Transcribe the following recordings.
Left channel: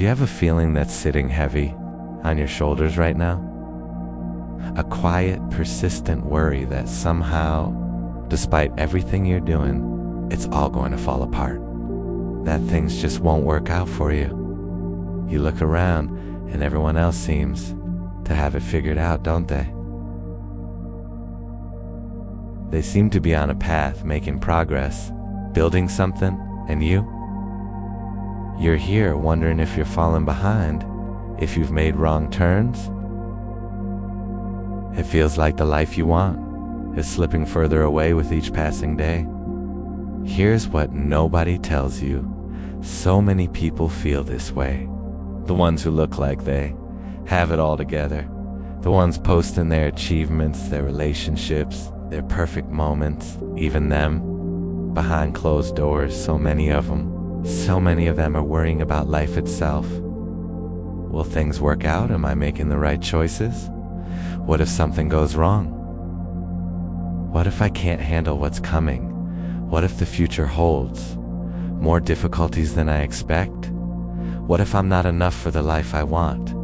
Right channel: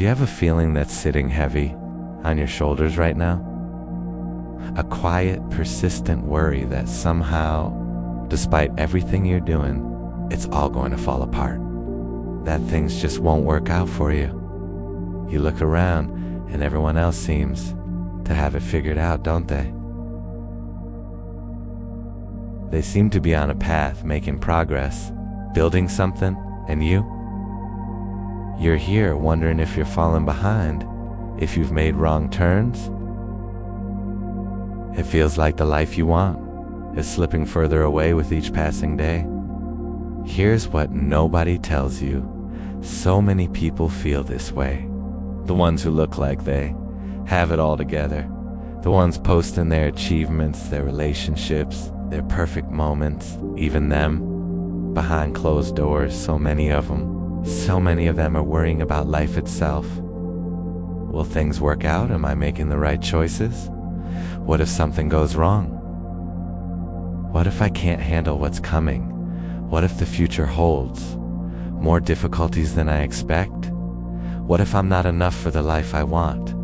Do you have a feeling that's sitting heavy on your shoulders right now? A quiet, persistent worry that somehow, despite everything you're doing, it's all going to fall apart. That things just won't work out for you. You look around and everyone else seems to have it figured out, don't they? They seem to be on a path, making progress, building something, and you're here wondering if you're falling behind, if you've made wrong turns. It feels like the life you want is slipping further away with each passing day. Here's what nobody tells you. So many people feel this way. The ones who look like they have it all together. The ones posting their achievements, their relationships, their perfect moments, even them. Behind closed doors, so many of them are worrying about life itself. Will things work out? Am I making the right choices? What if something goes wrong? What if I can't handle what's coming? What if the future holds more difficulties than I expect? What if I'm not enough for the life I want?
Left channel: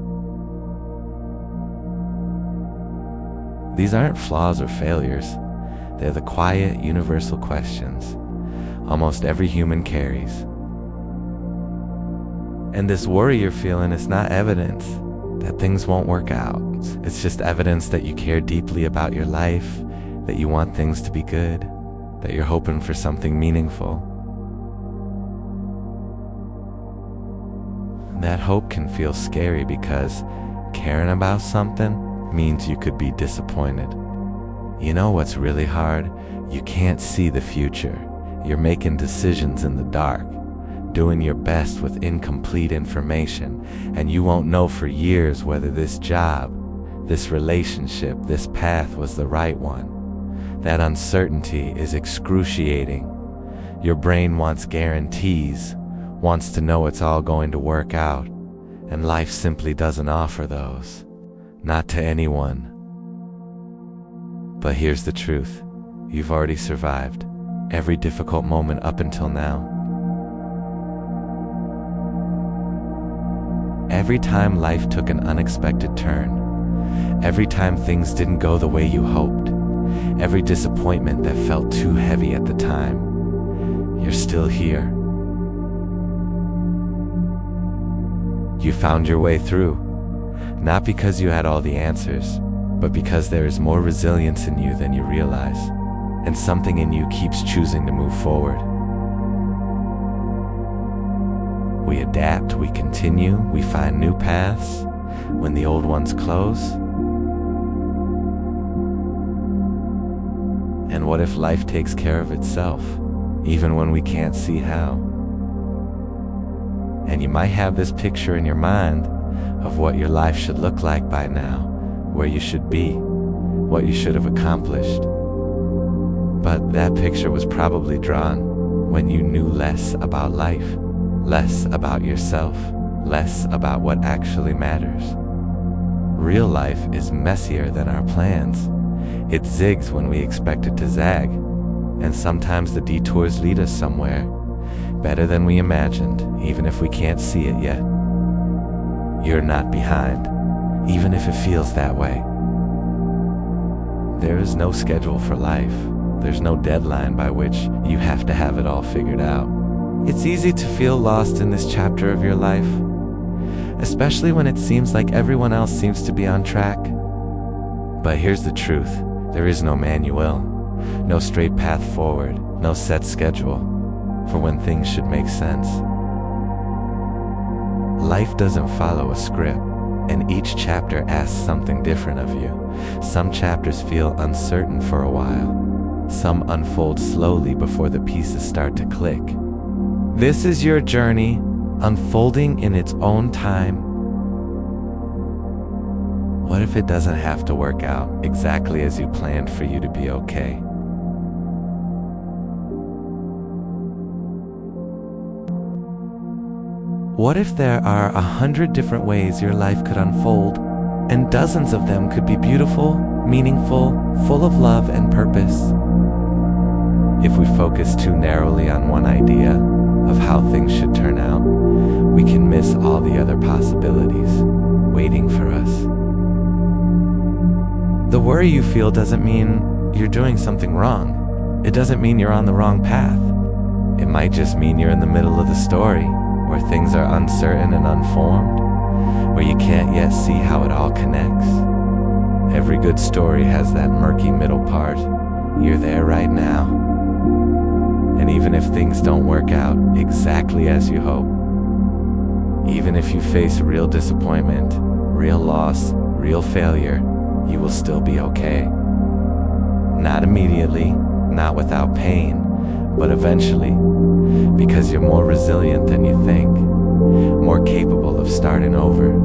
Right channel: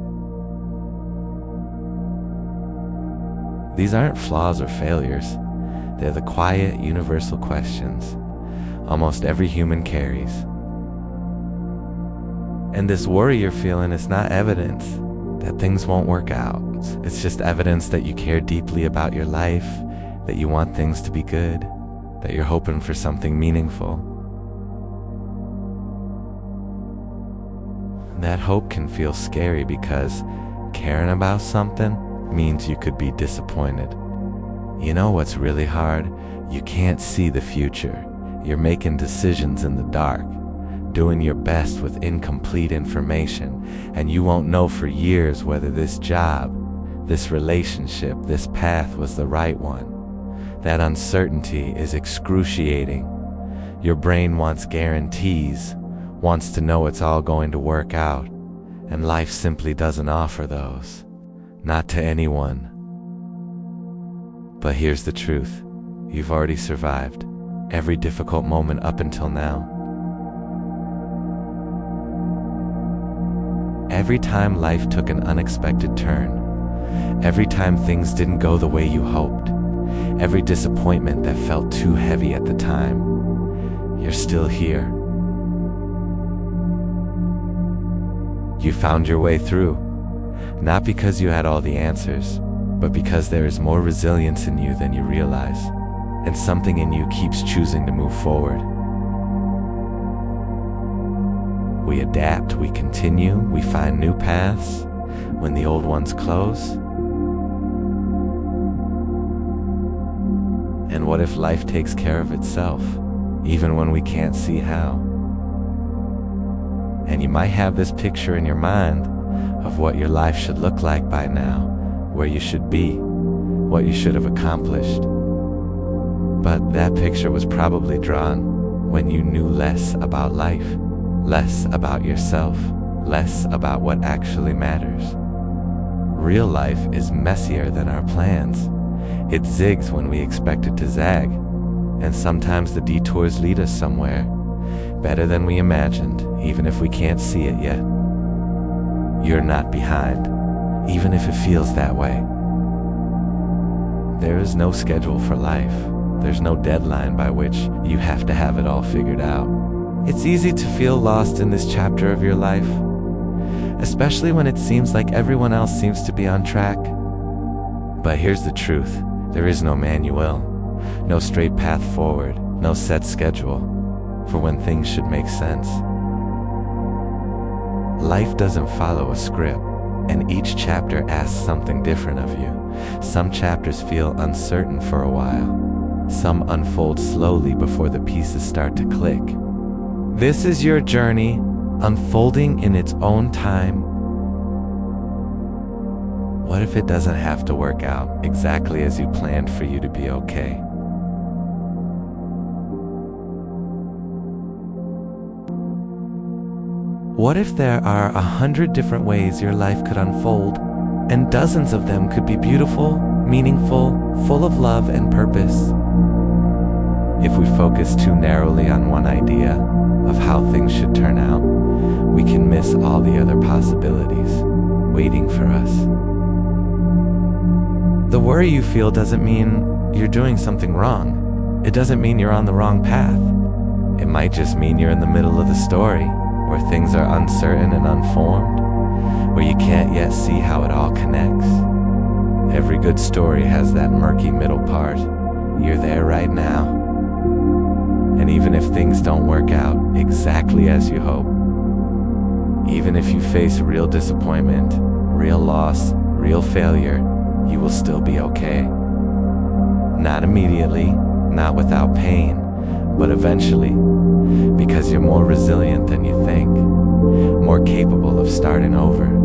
These aren't flaws or failures. They're the quiet, universal questions almost every human carries. And this worry you're feeling is not evidence that things won't work out. It's just evidence that you care deeply about your life, that you want things to be good, that you're hoping for something meaningful. That hope can feel scary because caring about something means you could be disappointed. You know what's really hard? You can't see the future. You're making decisions in the dark, doing your best with incomplete information, and you won't know for years whether this job, this relationship, this path was the right one. That uncertainty is excruciating. Your brain wants guarantees, wants to know it's all going to work out, and life simply doesn't offer those. Not to anyone. But here's the truth. You've already survived every difficult moment up until now. Every time life took an unexpected turn, every time things didn't go the way you hoped, every disappointment that felt too heavy at the time, you're still here. You found your way through, not because you had all the answers, but because there is more resilience in you than you realize, and something in you keeps choosing to move forward. We adapt, we continue, we find new paths when the old ones close. And what if life takes care of itself, even when we can't see how? And you might have this picture in your mind of what your life should look like by now, where you should be, what you should have accomplished. But that picture was probably drawn when you knew less about life, less about yourself, less about what actually matters. Real life is messier than our plans. It zigs when we expect it to zag, and sometimes the detours lead us somewhere better than we imagined, even if we can't see it yet. You're not behind, even if it feels that way. There is no schedule for life. There's no deadline by which you have to have it all figured out. It's easy to feel lost in this chapter of your life, especially when it seems like everyone else seems to be on track. But here's the truth. There is no manual, no straight path forward, no set schedule for when things should make sense. Life doesn't follow a script, and each chapter asks something different of you. Some chapters feel uncertain for a while. Some unfold slowly before the pieces start to click. This is your journey, unfolding in its own time. What if it doesn't have to work out exactly as you planned for you to be okay? What if there are 100 different ways your life could unfold, and dozens of them could be beautiful, meaningful, full of love and purpose? If we focus too narrowly on one idea, of how things should turn out, we can miss all the other possibilities waiting for us. The worry you feel doesn't mean you're doing something wrong. It doesn't mean you're on the wrong path. It might just mean you're in the middle of the story, where things are uncertain and unformed, where you can't yet see how it all connects. Every good story has that murky middle part. You're there right now. And even if things don't work out exactly as you hope, even if you face real disappointment, real loss, real failure, you will still be okay. Not immediately, not without pain, but eventually, because you're more resilient than you think, more capable of starting over,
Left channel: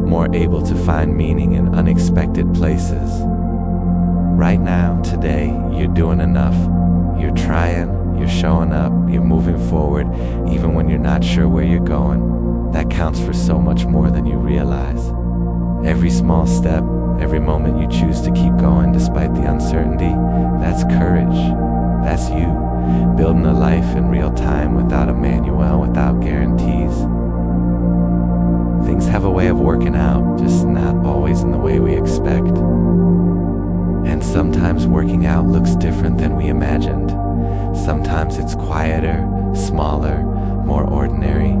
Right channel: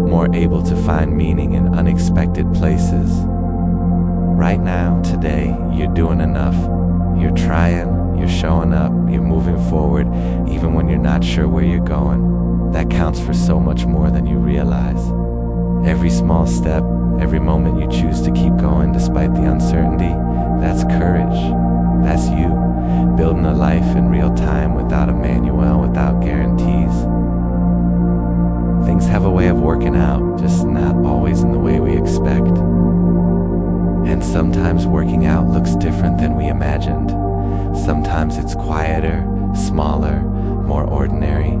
more able to find meaning in unexpected places. Right now, today, you're doing enough. You're trying, you're showing up, you're moving forward, even when you're not sure where you're going. That counts for so much more than you realize. Every small step, every moment you choose to keep going despite the uncertainty, that's courage. That's you, building a life in real time without a manual, without guarantees. Things have a way of working out, just not always in the way we expect. And sometimes working out looks different than we imagined. Sometimes it's quieter, smaller, more ordinary.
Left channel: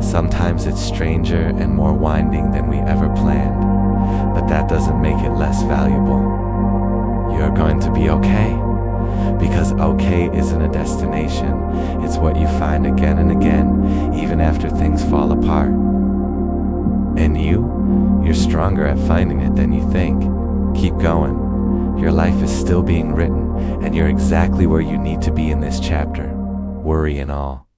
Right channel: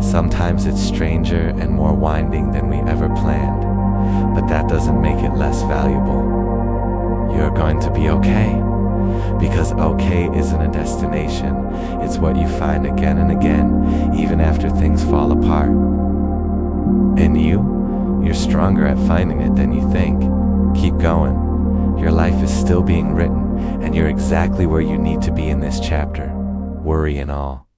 Sometimes it's stranger and more winding than we ever planned. But that doesn't make it less valuable. You're going to be okay. Because okay isn't a destination. It's what you find again and again, even after things fall apart. And you're stronger at finding it than you think. Keep going. Your life is still being written, and you're exactly where you need to be in this chapter, worry and all.